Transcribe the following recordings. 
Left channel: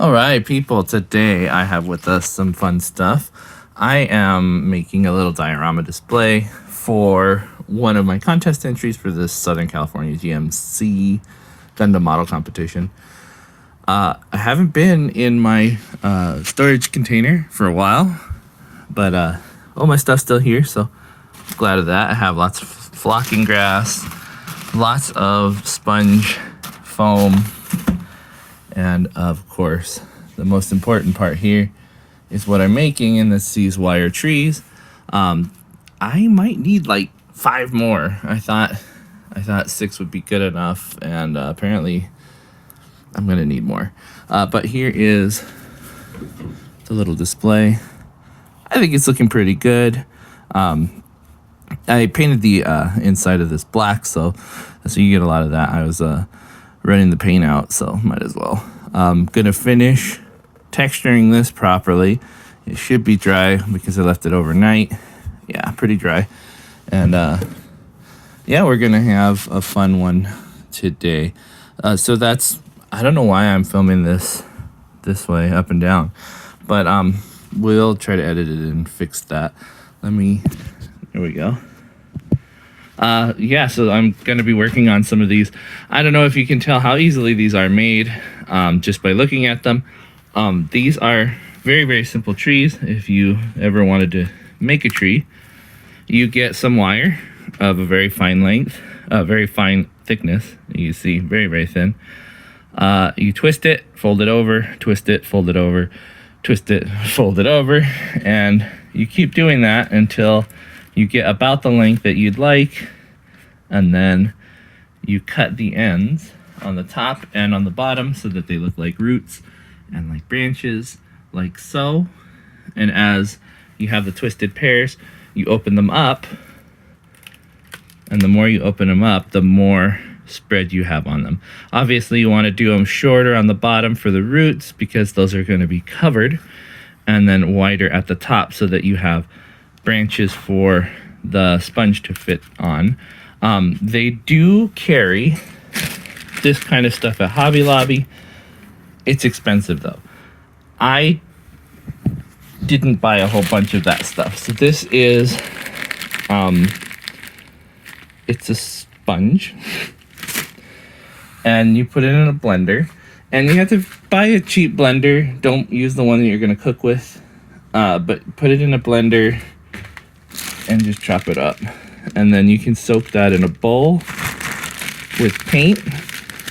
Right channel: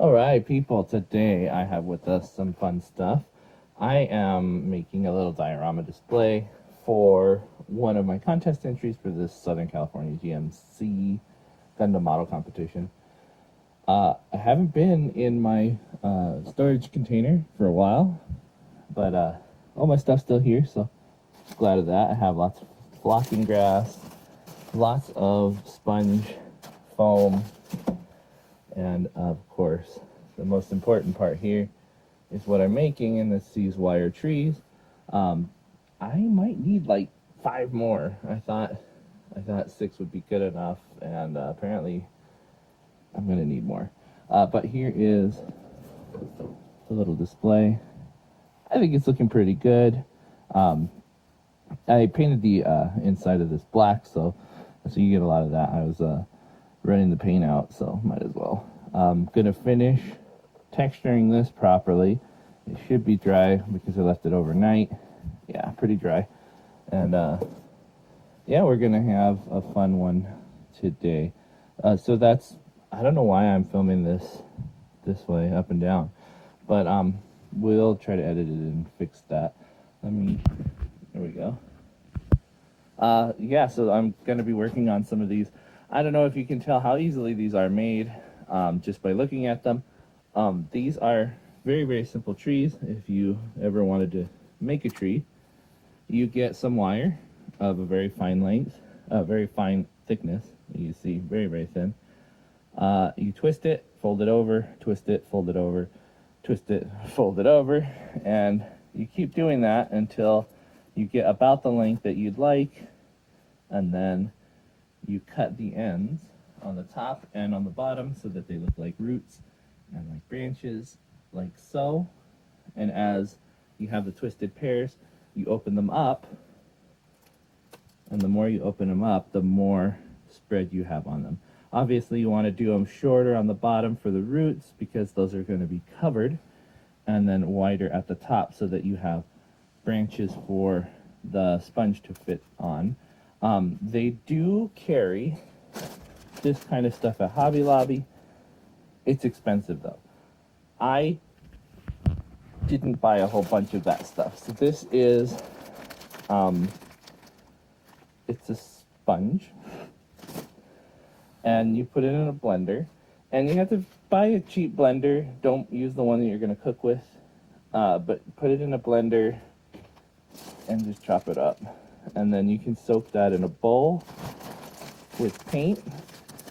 All right, people, today I have with us some fun stuff. I am making a little diorama display for one of my contest entries for this Southern California GMC Gundam model competition. I haven't been in my storage container for a while, but all my stuff's still here, so I'm glad of that. I have lots of flocking grass, lots of sponge foam, and of course, the most important part here is what I'm making, and that's these wire trees. I might need like 5 more. I thought 6 would be good enough, and apparently I'm gonna need more. But here is the little display. I think it's looking pretty good. I painted the inside of this black, so you get a lot of that. I was running the paint out, so might as well. I'm gonna finish texturing this properly. It should be dry because I left it overnight. Yeah, pretty dry. And yeah, we're gonna have a fun one today. So that's, I don't know why I'm filming this way, up and down, but we'll try to edit it and fix that. There we go. Yeah, so I'm going to be working on some of these. I don't know if you can tell how easily these are made just by looking at them. These are very, very simple trees. If you ever wanted to make a tree, you get some wire of a very fine length, very fine thickness. You see, very, very thin. You twist it, fold it over, twist it, fold it over, twist it, fold it over, and you keep doing that until you get about the length that you'd like, and then you cut the ends on the top and on the bottom so that they look like roots and like branches, like so. And as you have the twisted pairs, you open them up, and the more you open them up, the more spread you have on them. Obviously, you want to do them shorter on the bottom for the roots because those are going to be covered, and then wider at the top so that you have branches for the sponge to fit on. They do carry this kind of stuff at Hobby Lobby. It's expensive though. I didn't buy a whole bunch of that stuff. So this is, it's a sponge, and you put it in a blender, and you have to buy a cheap blender. Don't use the one that you're gonna cook with, but put it in a blender and just chop it up. And then you can soak that in a bowl with paint,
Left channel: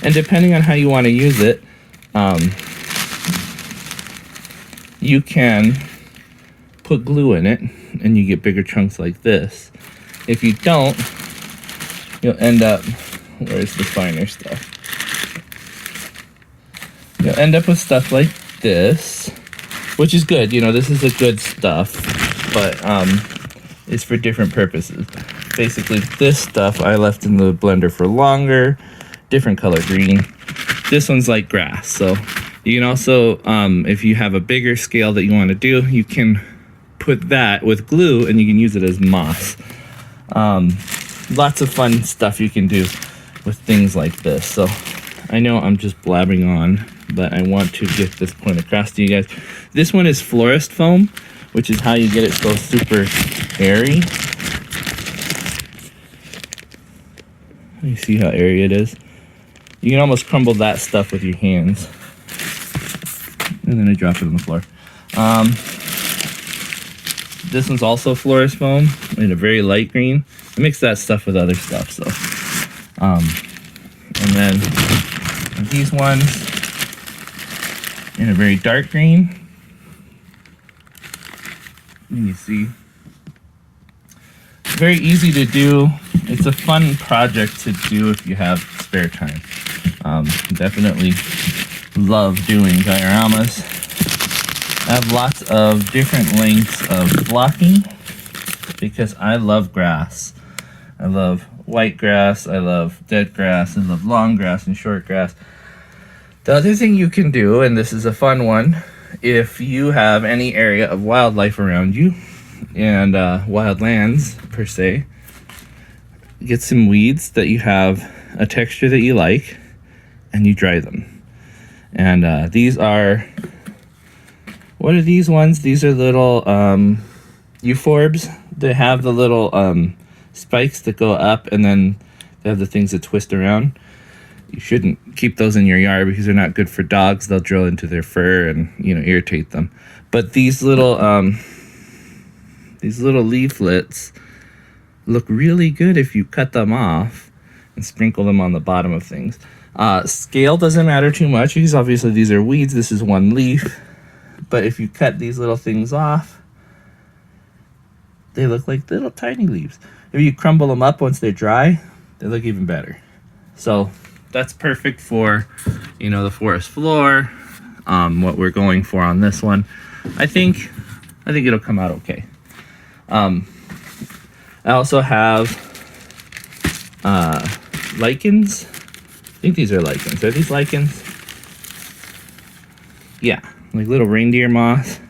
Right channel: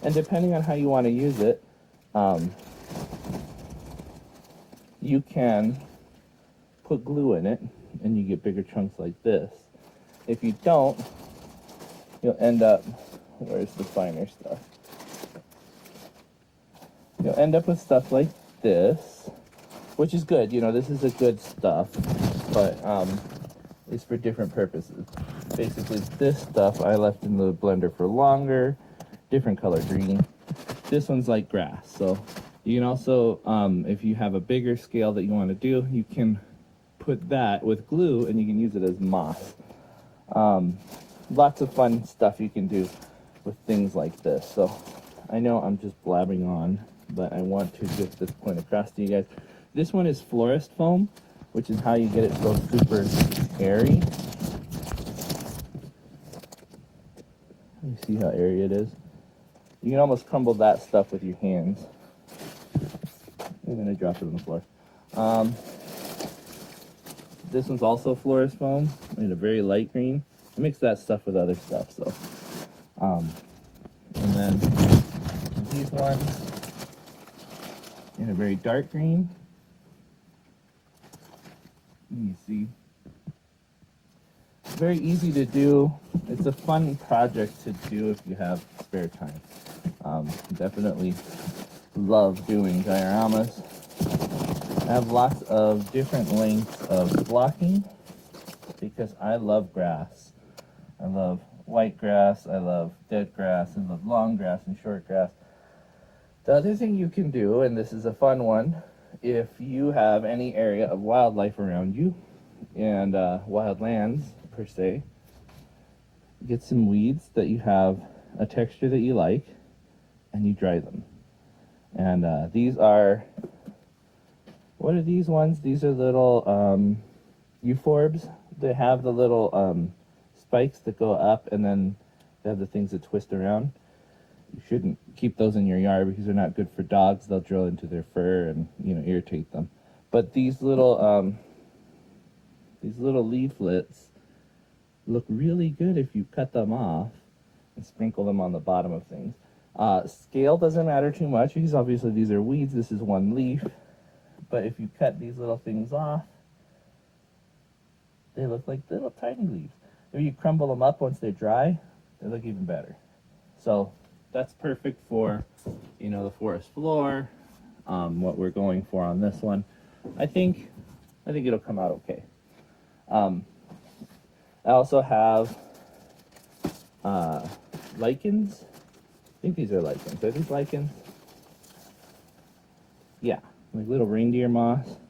and depending on how you want to use it, you can put glue in it and you get bigger chunks like this. If you don't, you'll end up, where's the finer stuff? You'll end up with stuff like this, which is good. You know, this is a good stuff, but it's for different purposes. Basically, this stuff I left in the blender for longer, different color green. This one's like grass, so you can also, if you have a bigger scale that you want to do, you can put that with glue and you can use it as moss. Lots of fun stuff you can do with things like this. So I know I'm just blabbing on, but I want to get this point across to you guys. This one is florist foam, which is how you get it so super airy. You see how airy it is? You can almost crumble that stuff with your hands. And then I drop it on the floor. This one's also florist foam in a very light green. I mix that stuff with other stuff, so. And then these ones in a very dark green. And you see, very easy to do. It's a fun project to do if you have spare time. Definitely love doing dioramas. I have lots of different lengths of blocking because I love grass. I love white grass, I love dead grass, I love long grass and short grass. The other thing you can do, and this is a fun one, if you have any area of wildlife around you, and wildlands per se, get some weeds that you have a texture that you like, and you dry them. And these are What are these ones? These are little euphorbs. They have the little spikes that go up, and then they have the things that twist around. You shouldn't keep those in your yard because they're not good for dogs. They'll drill into their fur and, you know, irritate them. But these little leaflets look really good if you cut them off and sprinkle them on the bottom of things. Scale doesn't matter too much because obviously these are weeds. This is one leaf. But if you cut these little things off, they look like little tiny leaves. If you crumble them up once they're dry, they look even better. So that's perfect for, you know, the forest floor, what we're going for on this one. I think it'll come out okay. I also have lichens. I think these are lichens. Are these lichens? Yeah, like little reindeer moss.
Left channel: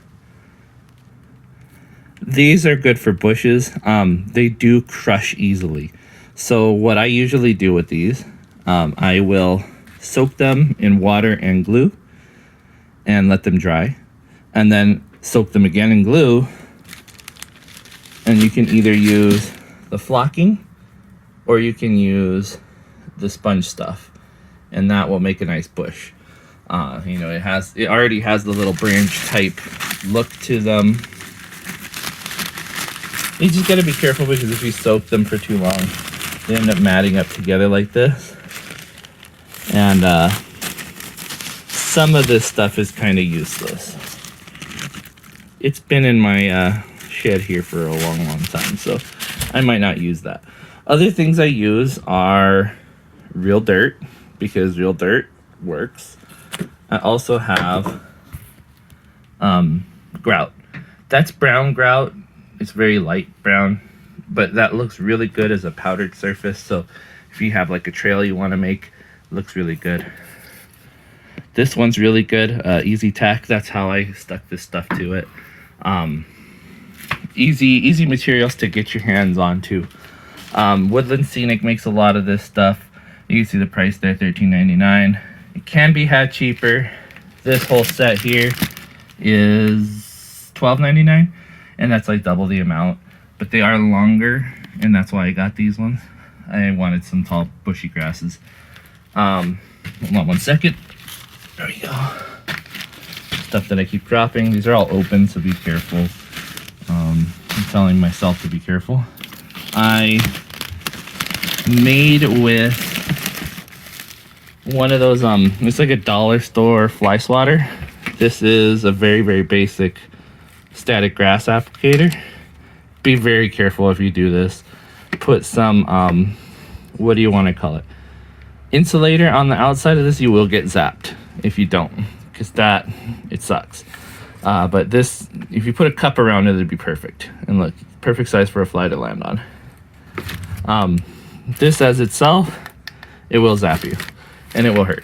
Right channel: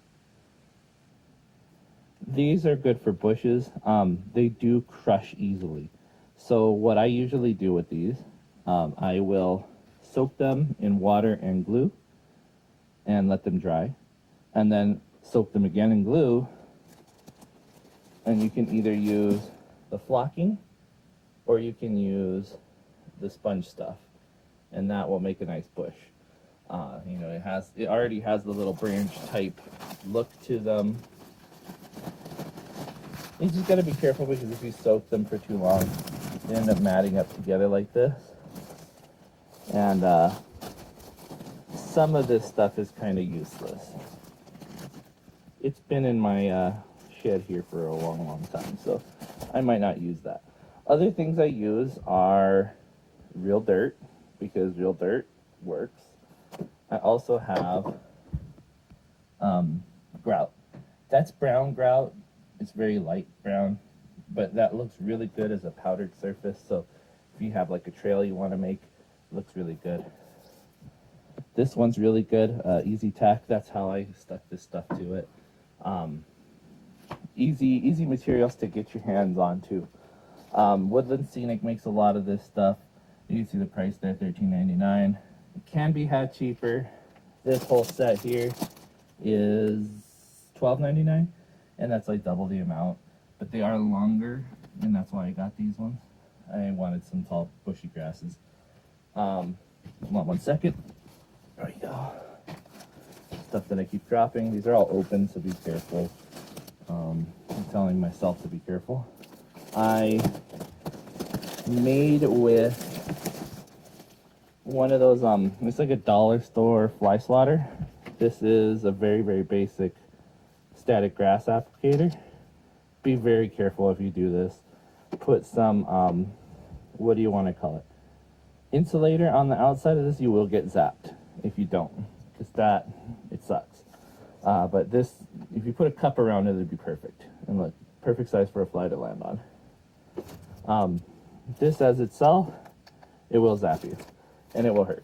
These are good for bushes. They do crush easily. So what I usually do with these, I will soak them in water and glue and let them dry, and then soak them again in glue. And you can either use the flocking or you can use the sponge stuff, and that will make a nice bush. You know, it already has the little branch type look to them. You just gotta be careful because if you soak them for too long, they end up matting up together like this. And some of this stuff is kind of useless. It's been in my shed here for a long time, so I might not use that. Other things I use are real dirt, because real dirt works. I also have grout. That's brown grout. It's very light brown, but that looks really good as a powdered surface. So if you have like a trail you want to make, it looks really good. This one's really good, Easy Tack. That's how I stuck this stuff to it. Easy materials to get your hands on too. Woodland Scenic makes a lot of this stuff. You can see the price there, $13.99. It can be had cheaper. This whole set here is $12.99, and that's like double the amount. But they are longer, and that's why I got these ones. I wanted some tall, bushy grasses. Hold on one second. There we go. Stuff that I keep dropping. These are all open, so be careful. I'm telling myself to be careful. I made with one of those, it's like a dollar store fly swatter. This is a very, very basic static grass applicator. Be very careful if you do this. Put some, what do you want to call it? Insulator on the outside of this. You will get zapped if you don't, because it sucks. But this, if you put a cup around it, it'd be perfect. And look, perfect size for a fly to land on. This as itself, it will zap you, and it will hurt.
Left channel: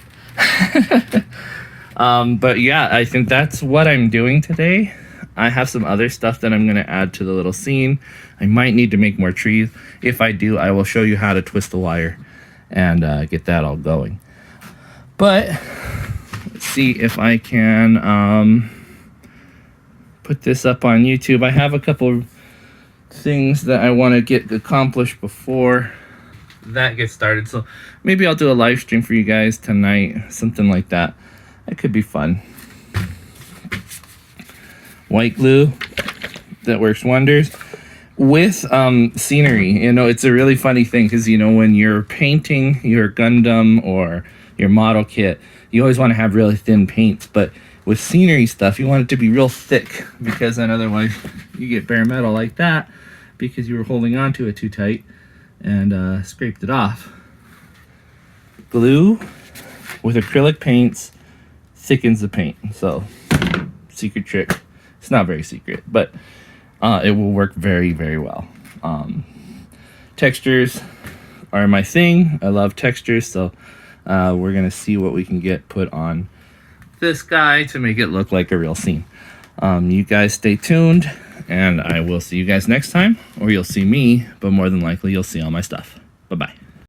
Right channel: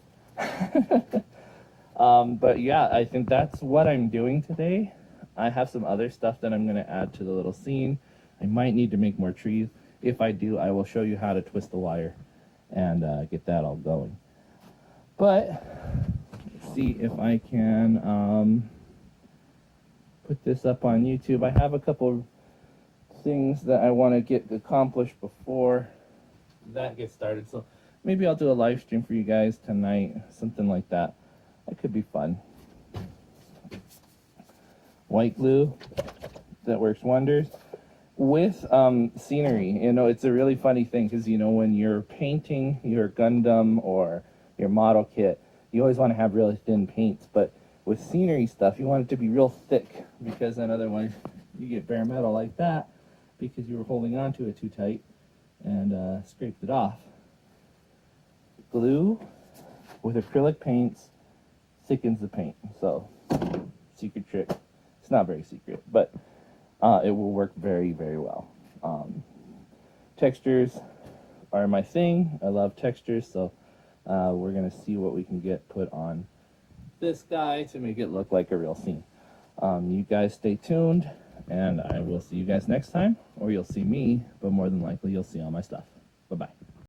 But yeah, I think that's what I'm doing today. I have some other stuff that I'm going to add to the little scene. I might need to make more trees. If I do, I will show you how to twist the wire and get that all going. But let's see if I can put this up on YouTube. I have a couple things that I want to get accomplished before that gets started. So maybe I'll do a live stream for you guys tonight, something like that. That could be fun. White glue, that works wonders. With scenery, you know, it's a really funny thing because, you know, when you're painting your Gundam or your model kit, you always want to have really thin paints, but with scenery stuff, you want it to be real thick, because then otherwise you get bare metal like that because you were holding on to it too tight and scraped it off. Glue with acrylic paints thickens the paint. So, secret trick. It's not very secret, but it will work very, very well. Textures are my thing. I love textures, so we're gonna see what we can get put on this guy to make it look like a real scene. You guys stay tuned, and I will see you guys next time, or you'll see me, but more than likely you'll see all my stuff. Bye-bye.